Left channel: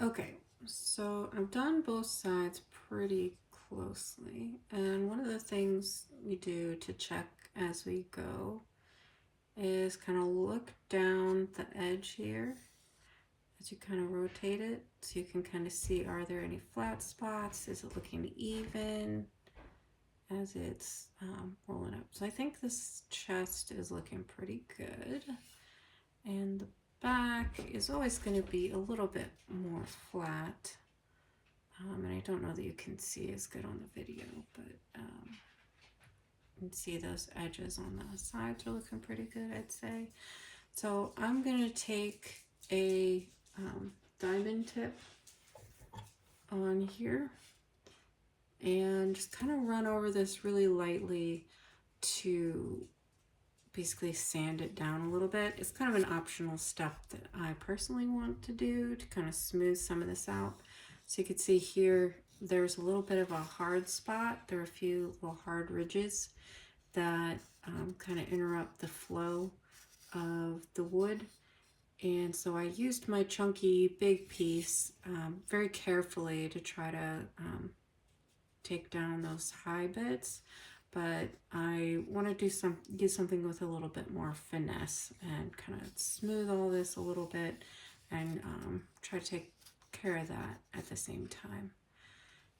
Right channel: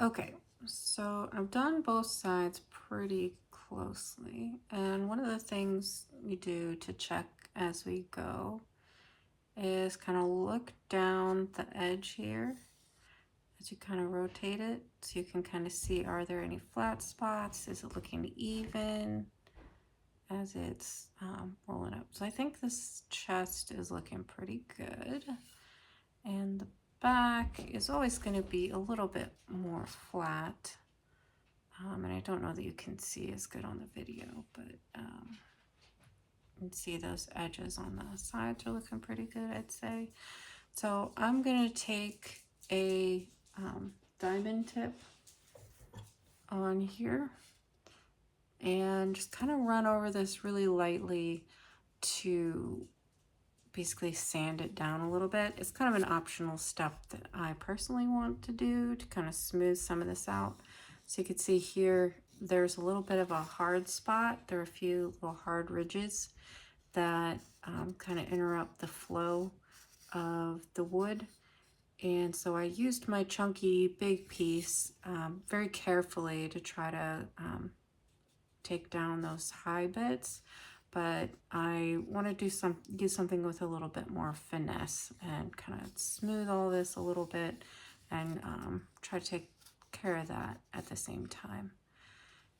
Okay, so I've done both sides pretty closely, and one of the things we do to check as we go is kind of look down the edge here as you kind of rotate it, so you can kind of see, are there any flat spots? Is it looking even as it's rolling up? So I think this chest is looking pretty good, and the back is always going to be a little bit more flat. And I don't know that you can see as good on the video, but you can see those edges on the sides are looking pretty good, I'd say. So I'm going to take a diamond tip on here and just kind of run over this really lightly to basically sand it down a little bit. It's kind of an optional step that I personally want to do to kind of smooth some of this out. So you can see here, there's a little bit of a hard spot. There are a few little hard ridges that kind of interrupt the flow of the wood. And so I used my chunky big piece very carefully to try to take down those high bits, but I want to do something with a little bit more finesse and kind of smooth all this a little bit and try to take care of that at the same time.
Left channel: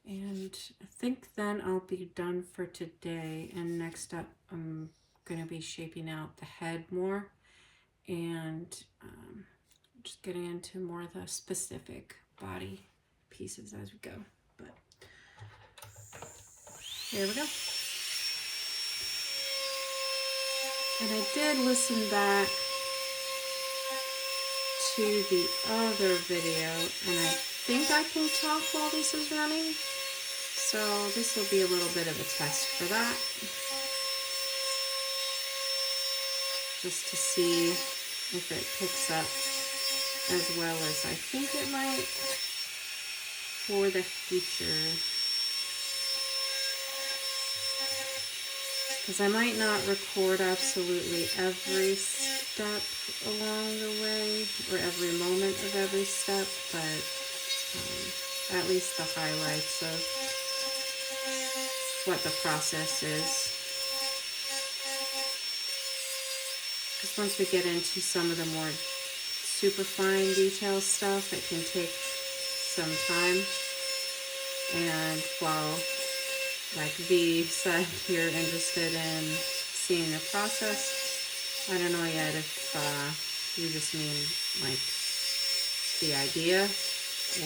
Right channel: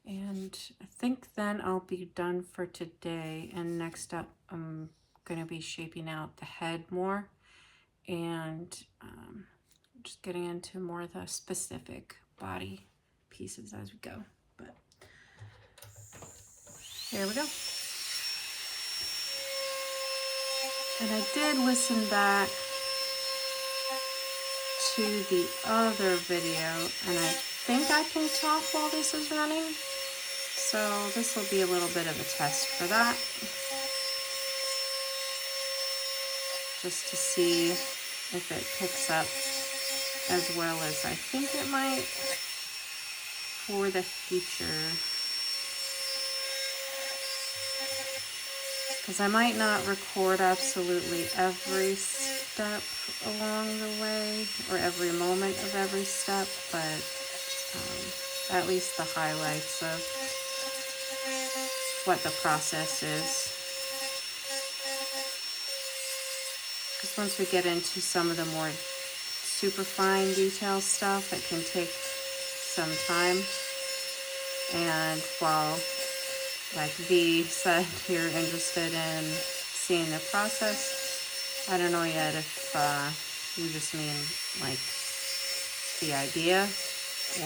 And I think then I'll be done for today, and next up I'm going to be shaping out the head more and just getting into more of the specific body pieces as we go. But there we go. And I did listen back to the other video, and I think I can talk while this is running. So this will be a little bit of a test for that. Just to see if it picks up as well as I think it might for the future. Because I might not record absolutely every step along the way or every moment of every step, but at least the highlights of what the process is. Because once we get into some of the more super fine detail stuff, it can take some time. And while, like V said, you're interested in seeing the process, I don't know yet if you just mean like the idea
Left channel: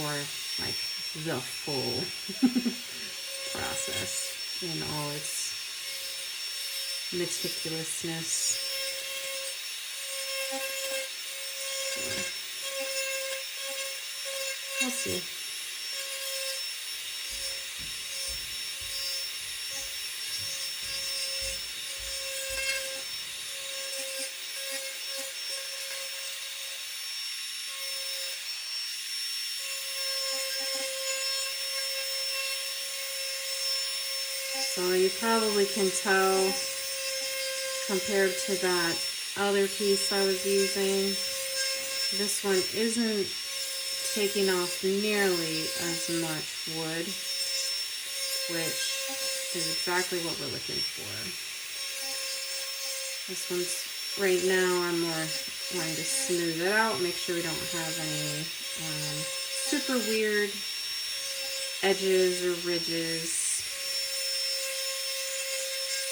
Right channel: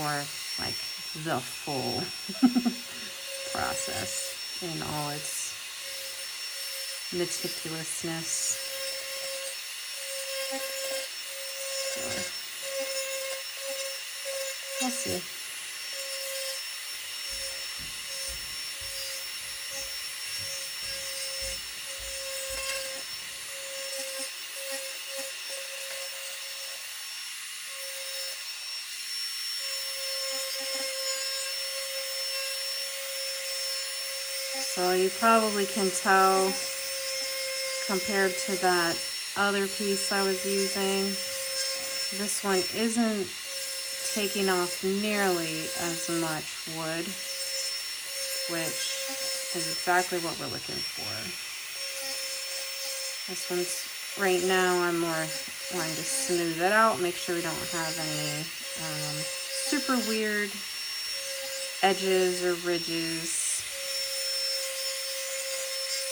or like the full process in all its meticulousness. So, we'll see. So you probably can tell compared to that other piece I was using, this one isn't taking off nearly as much wood, which is exactly what we're looking for. This one's, right now, I'm more wanting to smooth it out, make sure we don't have any super weird edges or ridges.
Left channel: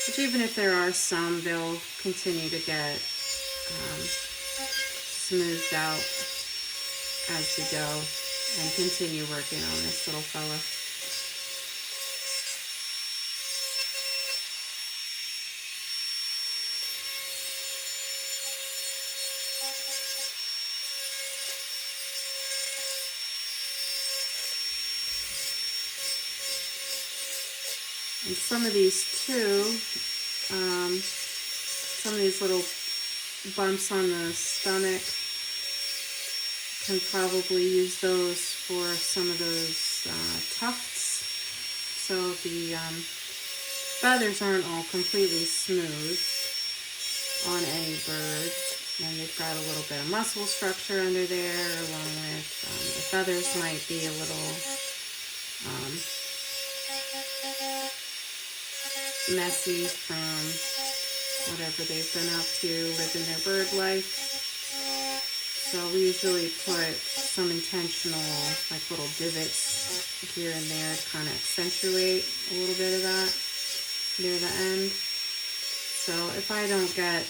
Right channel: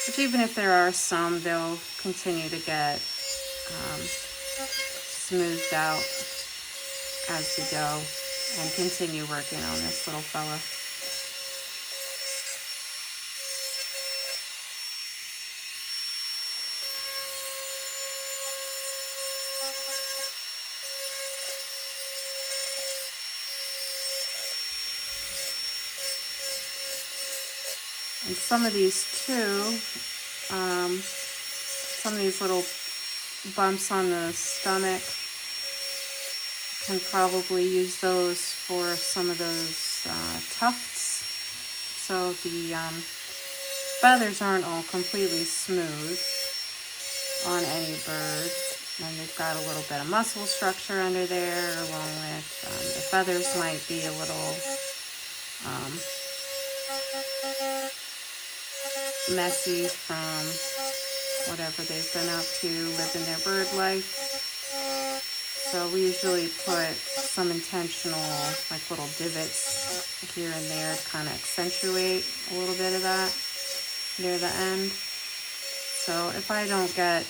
But even if there are some, they'll continue to get smoothed out as we go and continue working on this little fella. And some of these too, some of these little bumps on the stomach, can probably use those for some of those tufts. So the feathers aren't all completely smooth on any bird, and they've got a little bit of muscle structure under there, along with the feathers might be a little messy from whatever they've been up to, living their bird life. So we usually put some intentional, like little divots here and there to kind of accentuate a little bit of that near the end. So if I don't get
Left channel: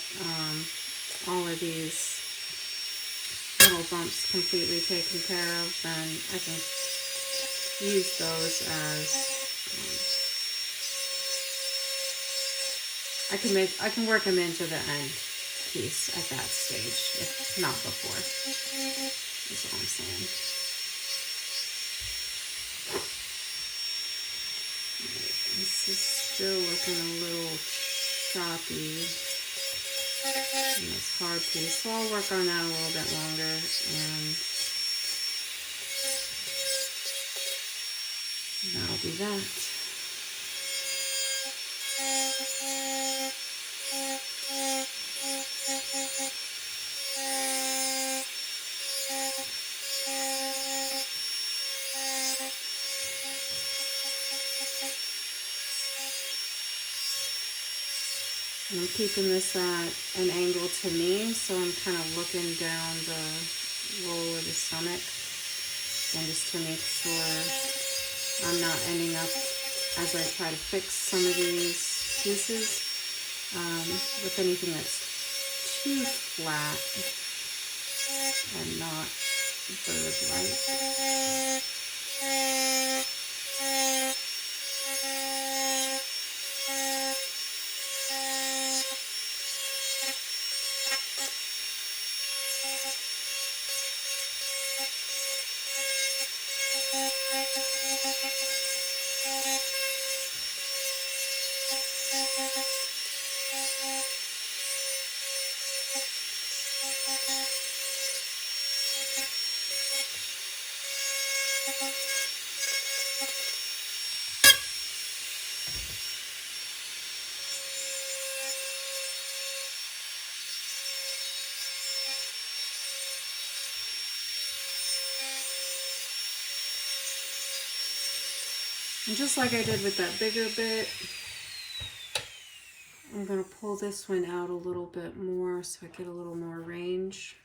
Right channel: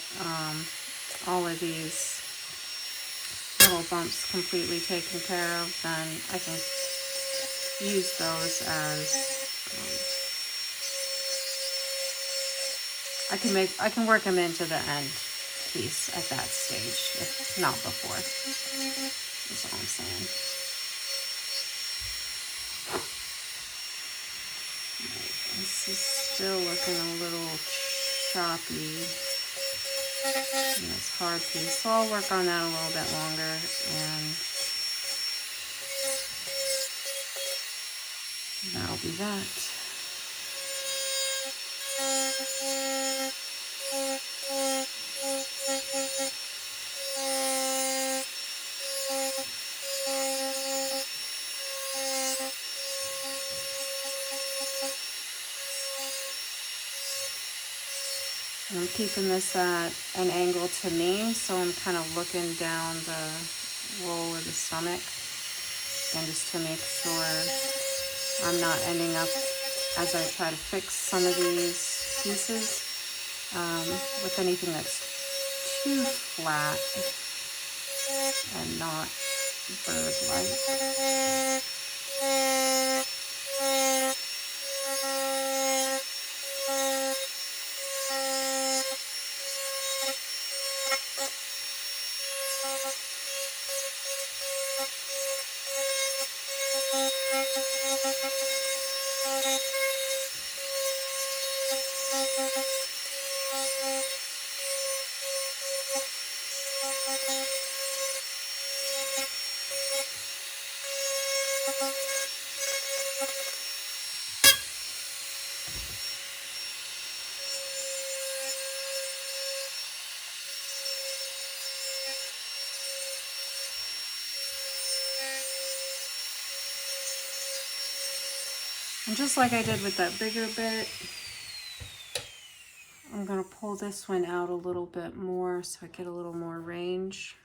all of these little bumps completely taken care of, then I can use those as I can work them into the end piece at that stage, if not before. That's all I'm saying. Right, this is still looking a little choppy in this hard piece, so I'll work on that a little bit longer, and that'll be that. I'm keeping this at an angle to me, so I'm kind of looking down the roll of the stomach, and just to make sure I'm not ending up, as I try to fix some of these pieces, with anything that's too flat and not bird-like. And just like I did with that bigger bit, I'm going to pull this one out a little bit more so I get a little more range,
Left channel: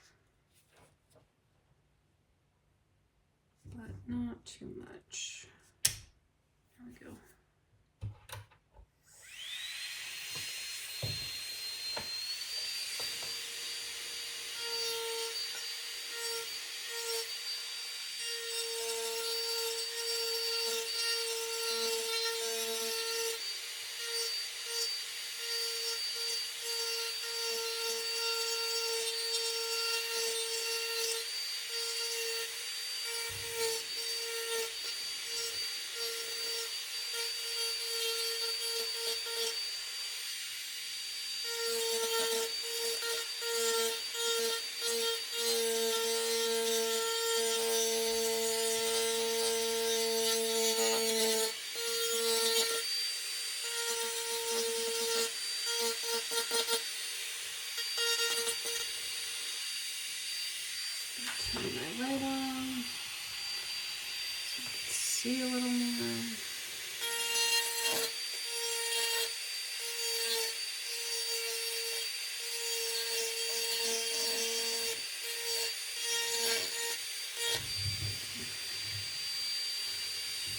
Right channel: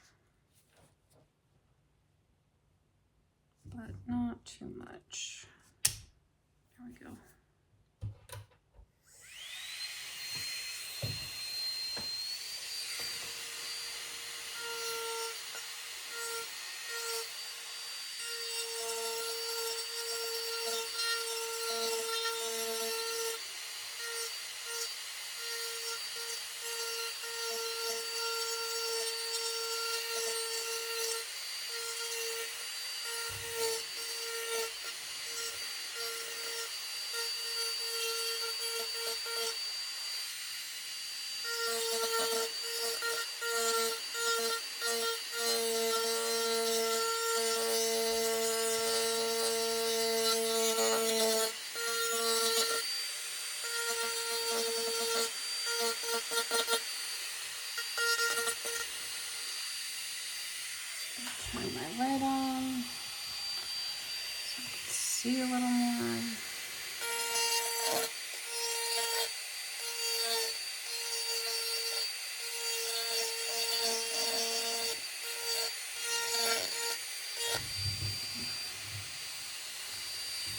but not too much. There we go. Turn my light on so I can see a little more.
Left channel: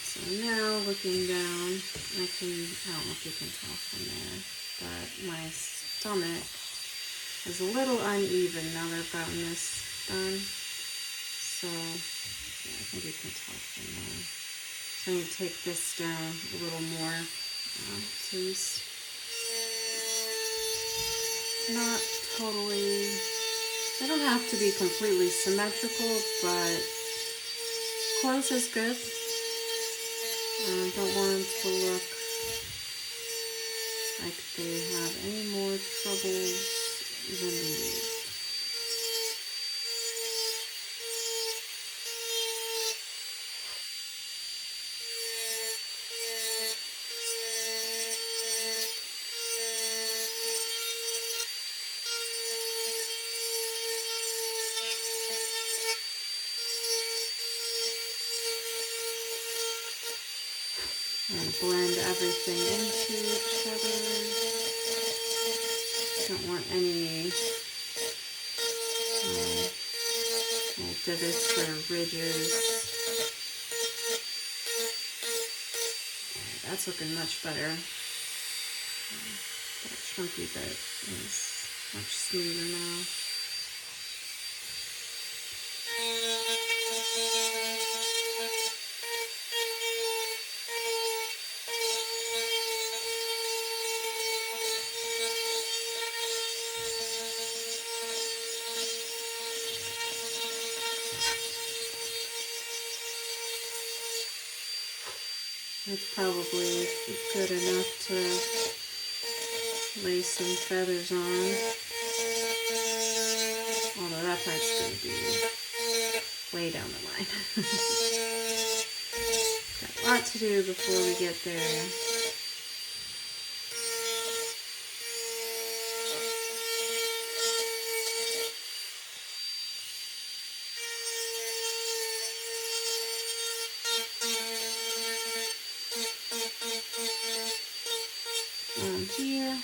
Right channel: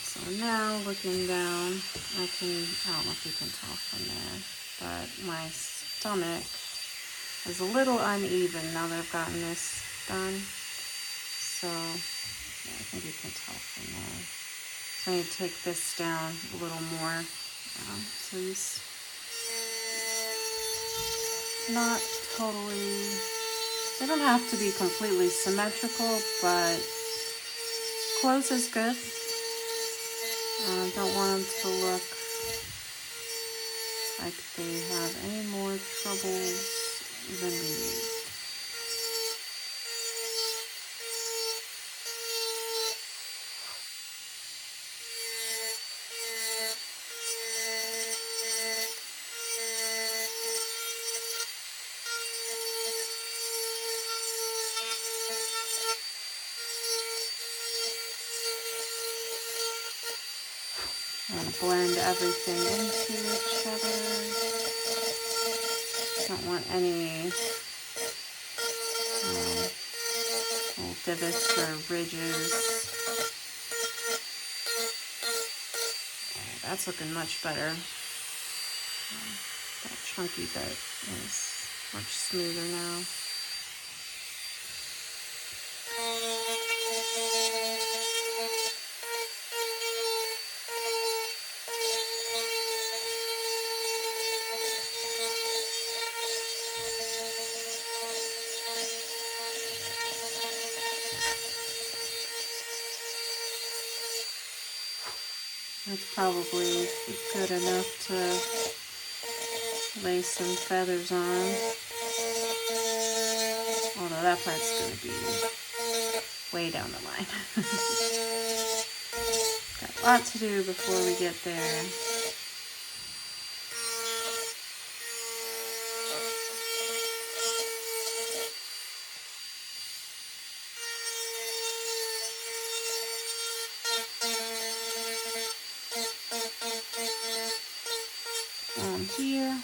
So now looking down, I don't know if you can tell from there, but my stomach is a little uneven now that I've gotten this done. So, yeah, I think you can tell from there. So I need to take this down a little more. So he's not totally, they don't have to be completely symmetrical, but close is good. Don't want them to look like they have any more trouble than we need. I'm going to blend everything into each other. Don't want any little divots or ridges. Okay, that's looking much better. That chunky bit is much smoother now. That's probably good enough to lay some feathers on. Although that part's going to be way down the line. Got a lot to do before we get there. Here,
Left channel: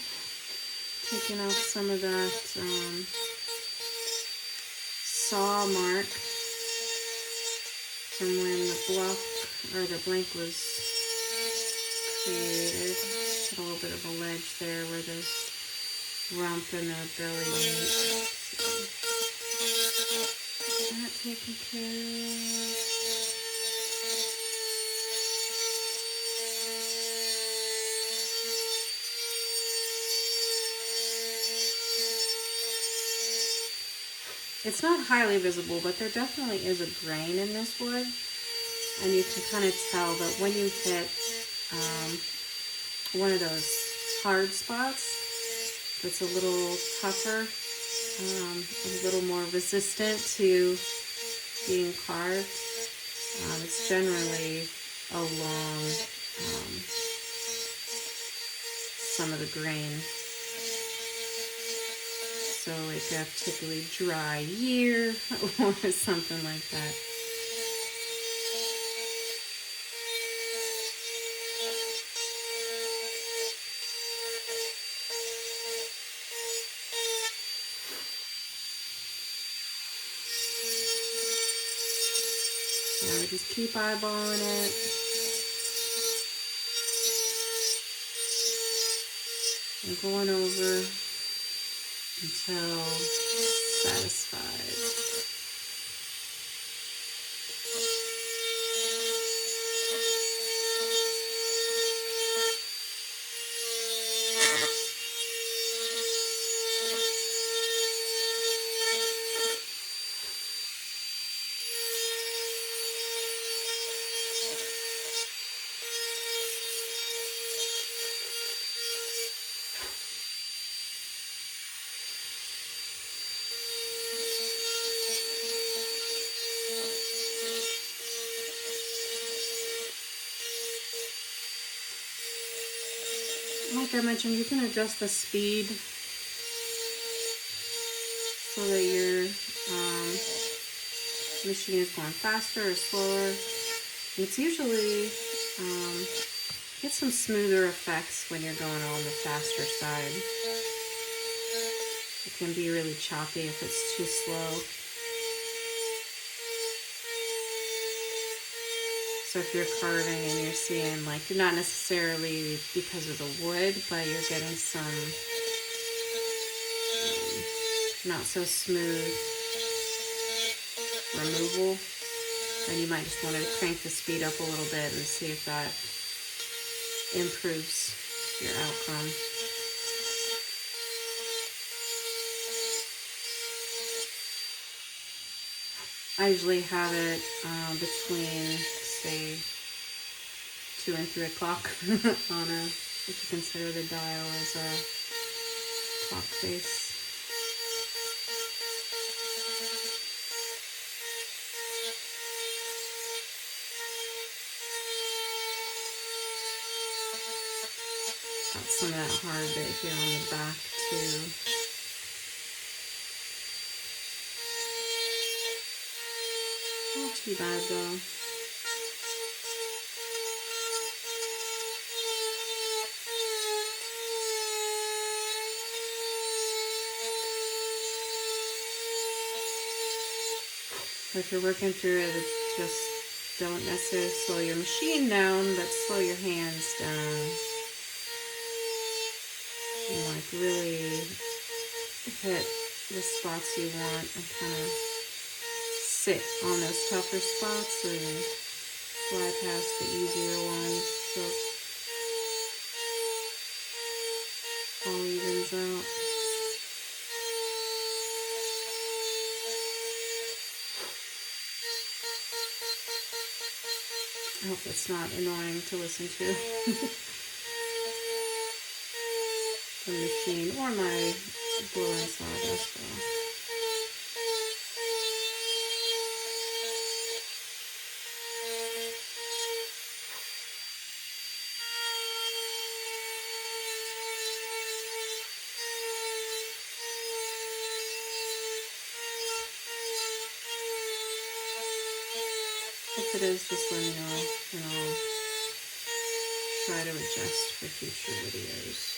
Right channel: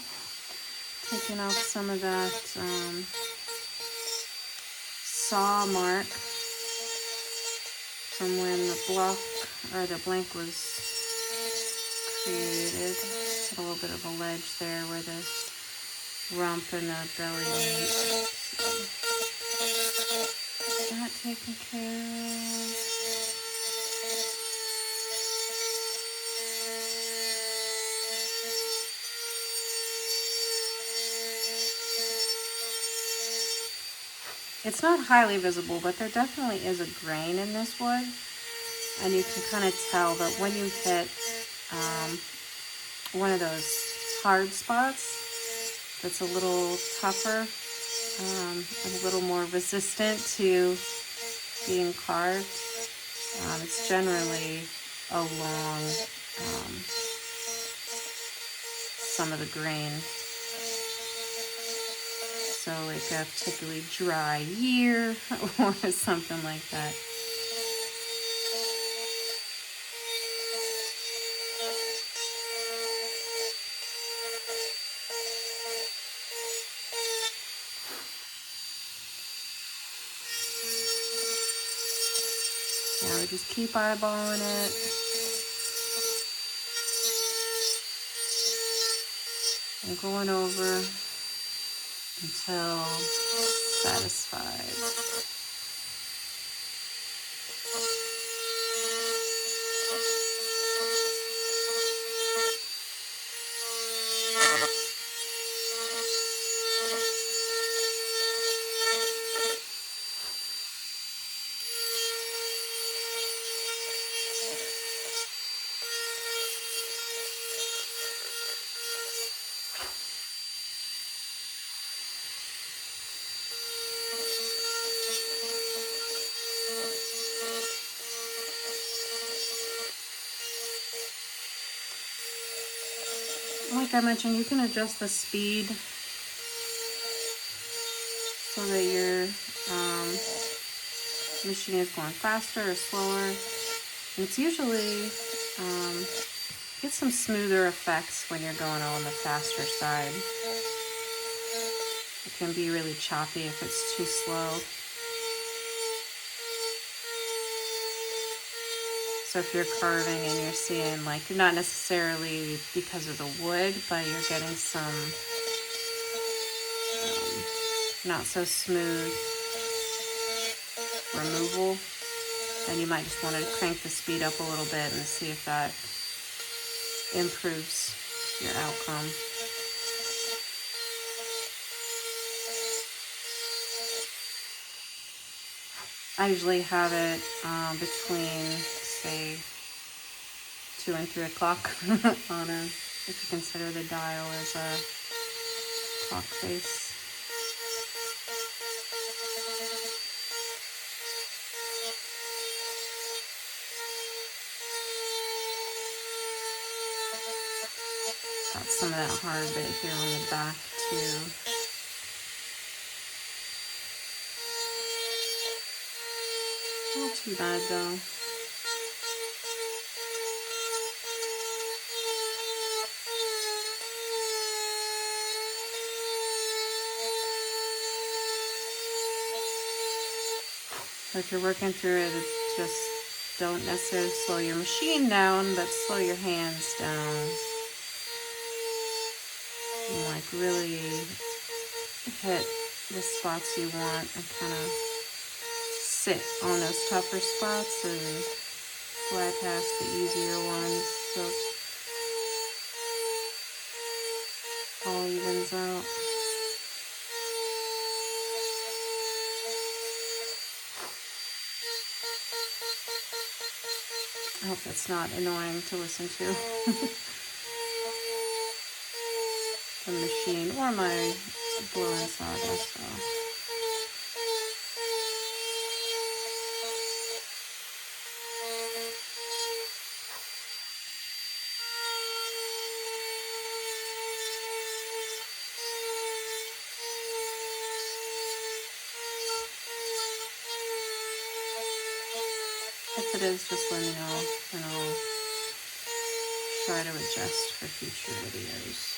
taking off some of that saw mark from when the block or the blank was created. Got a little bit of a ledge there where the rump and the belly meet. That taken care of. It's not highly visible, but there definitely is a grain in this wood, and you can kind of tell that when you hit one of those hard spots that's a little tougher and a little more resistant to being carved, it's generally along some of the grain. So like a particularly dry year or something like that. Now we just keep eyeballing it. And going over until satisfied. Like I mentioned, you can adjust the speed so that your machine is going faster or slower. And it's usually get some smoother effects when you're going on the faster side. It can be really choppy if it's too slow. So if you're carving and you're seeing, like, not necessarily because of the wood, but you're getting some not so smooth removal, then you might just want to crank the speed up a little bit and see if that improves your outcome. I usually have it between, say, 2 and 3 o'clock on a, if you consider the dial as a clock face. Got some of that hard bit here on the back too. Not too bad though. So if you're working through it, it's just don't necessarily slow your machine down, but slow your hands down. And like really hit the spots you want and kind of sit on those tougher spots and bypass the easier ones so it all evens out. I hope that's not annoying to listen to. The machine or my blowing sawdust though. If it is, just let me know and I'll try to adjust for future videos.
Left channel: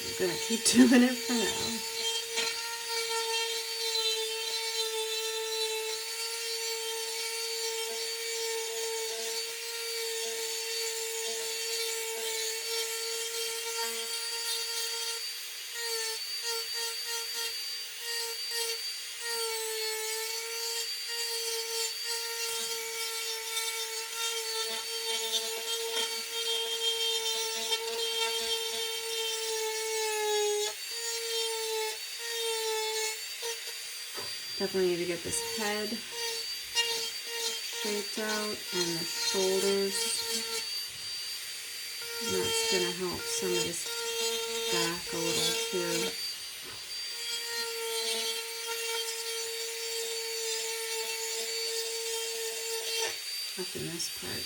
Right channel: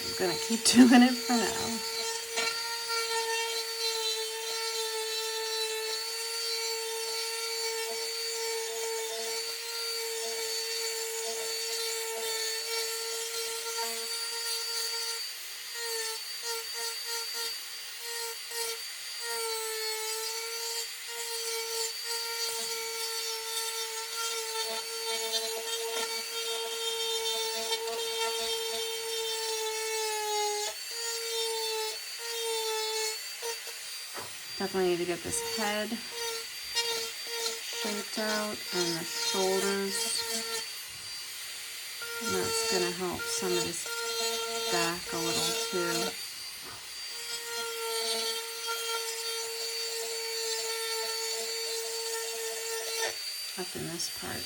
I'm gonna keep doing it for now. Definitely need to get this head shaped out and the shoulders. And that's going to help some of this back a little too. Up in this part.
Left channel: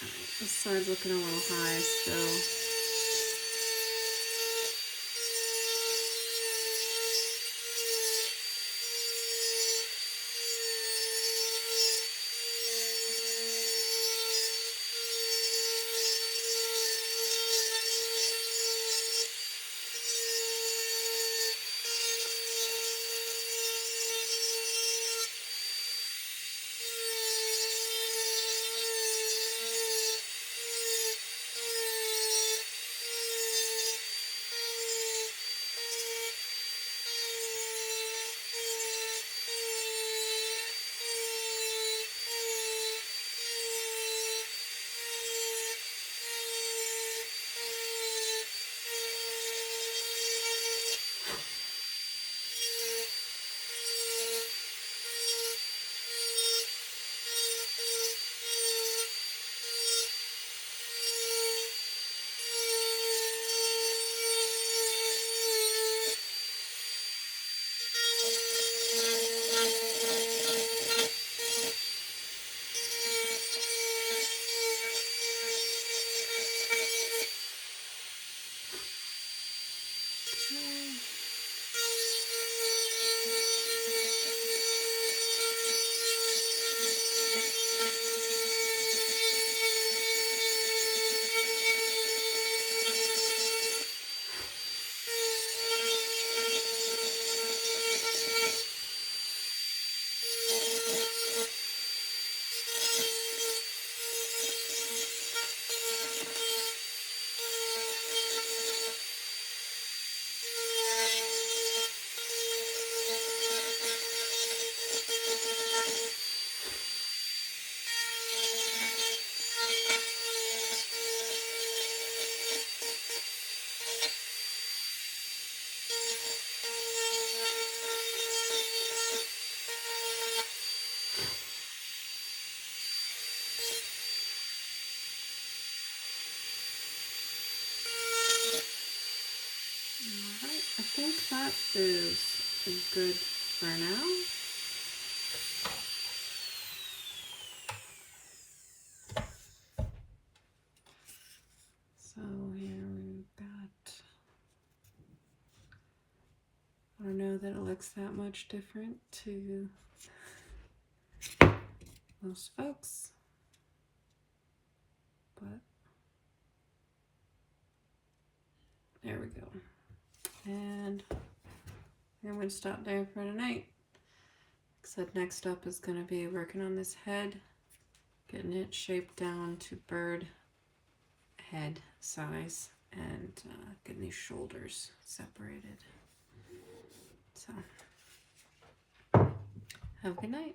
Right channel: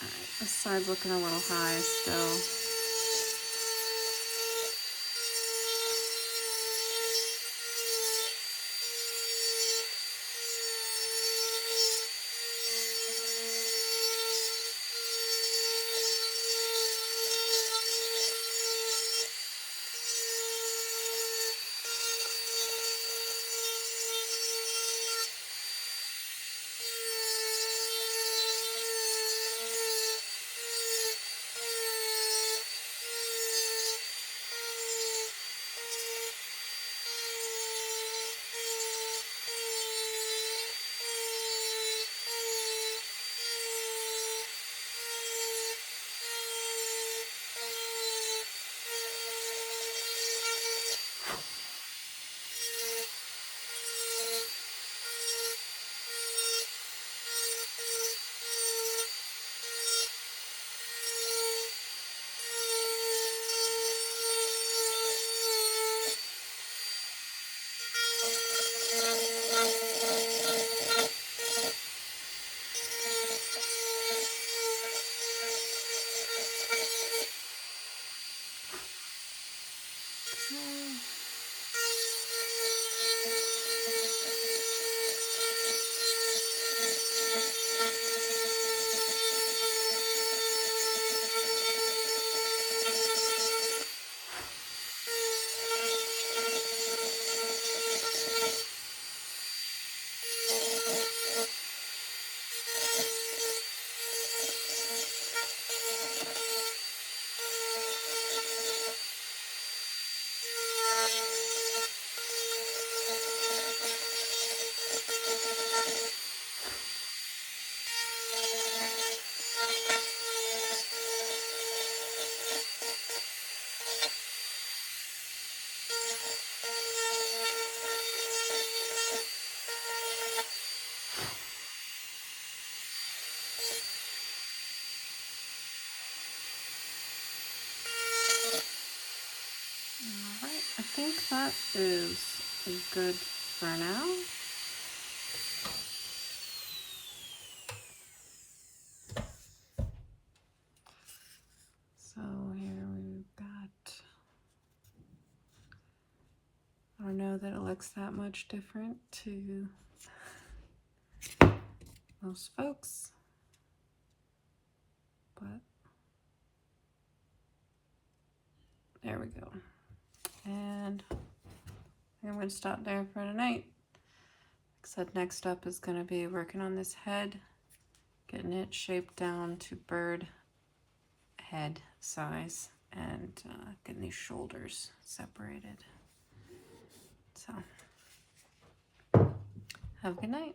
Alright, this side's looking a little high still. Alright, I think that is is good for now. So here we've got, I don't know that it looks that much different to most folks, but there we go. And I'm going to stop there for tonight. Like I said, next up is going to be working on this head, getting it shaped down to bird head size, and getting these shoulders separated. So, have a good night.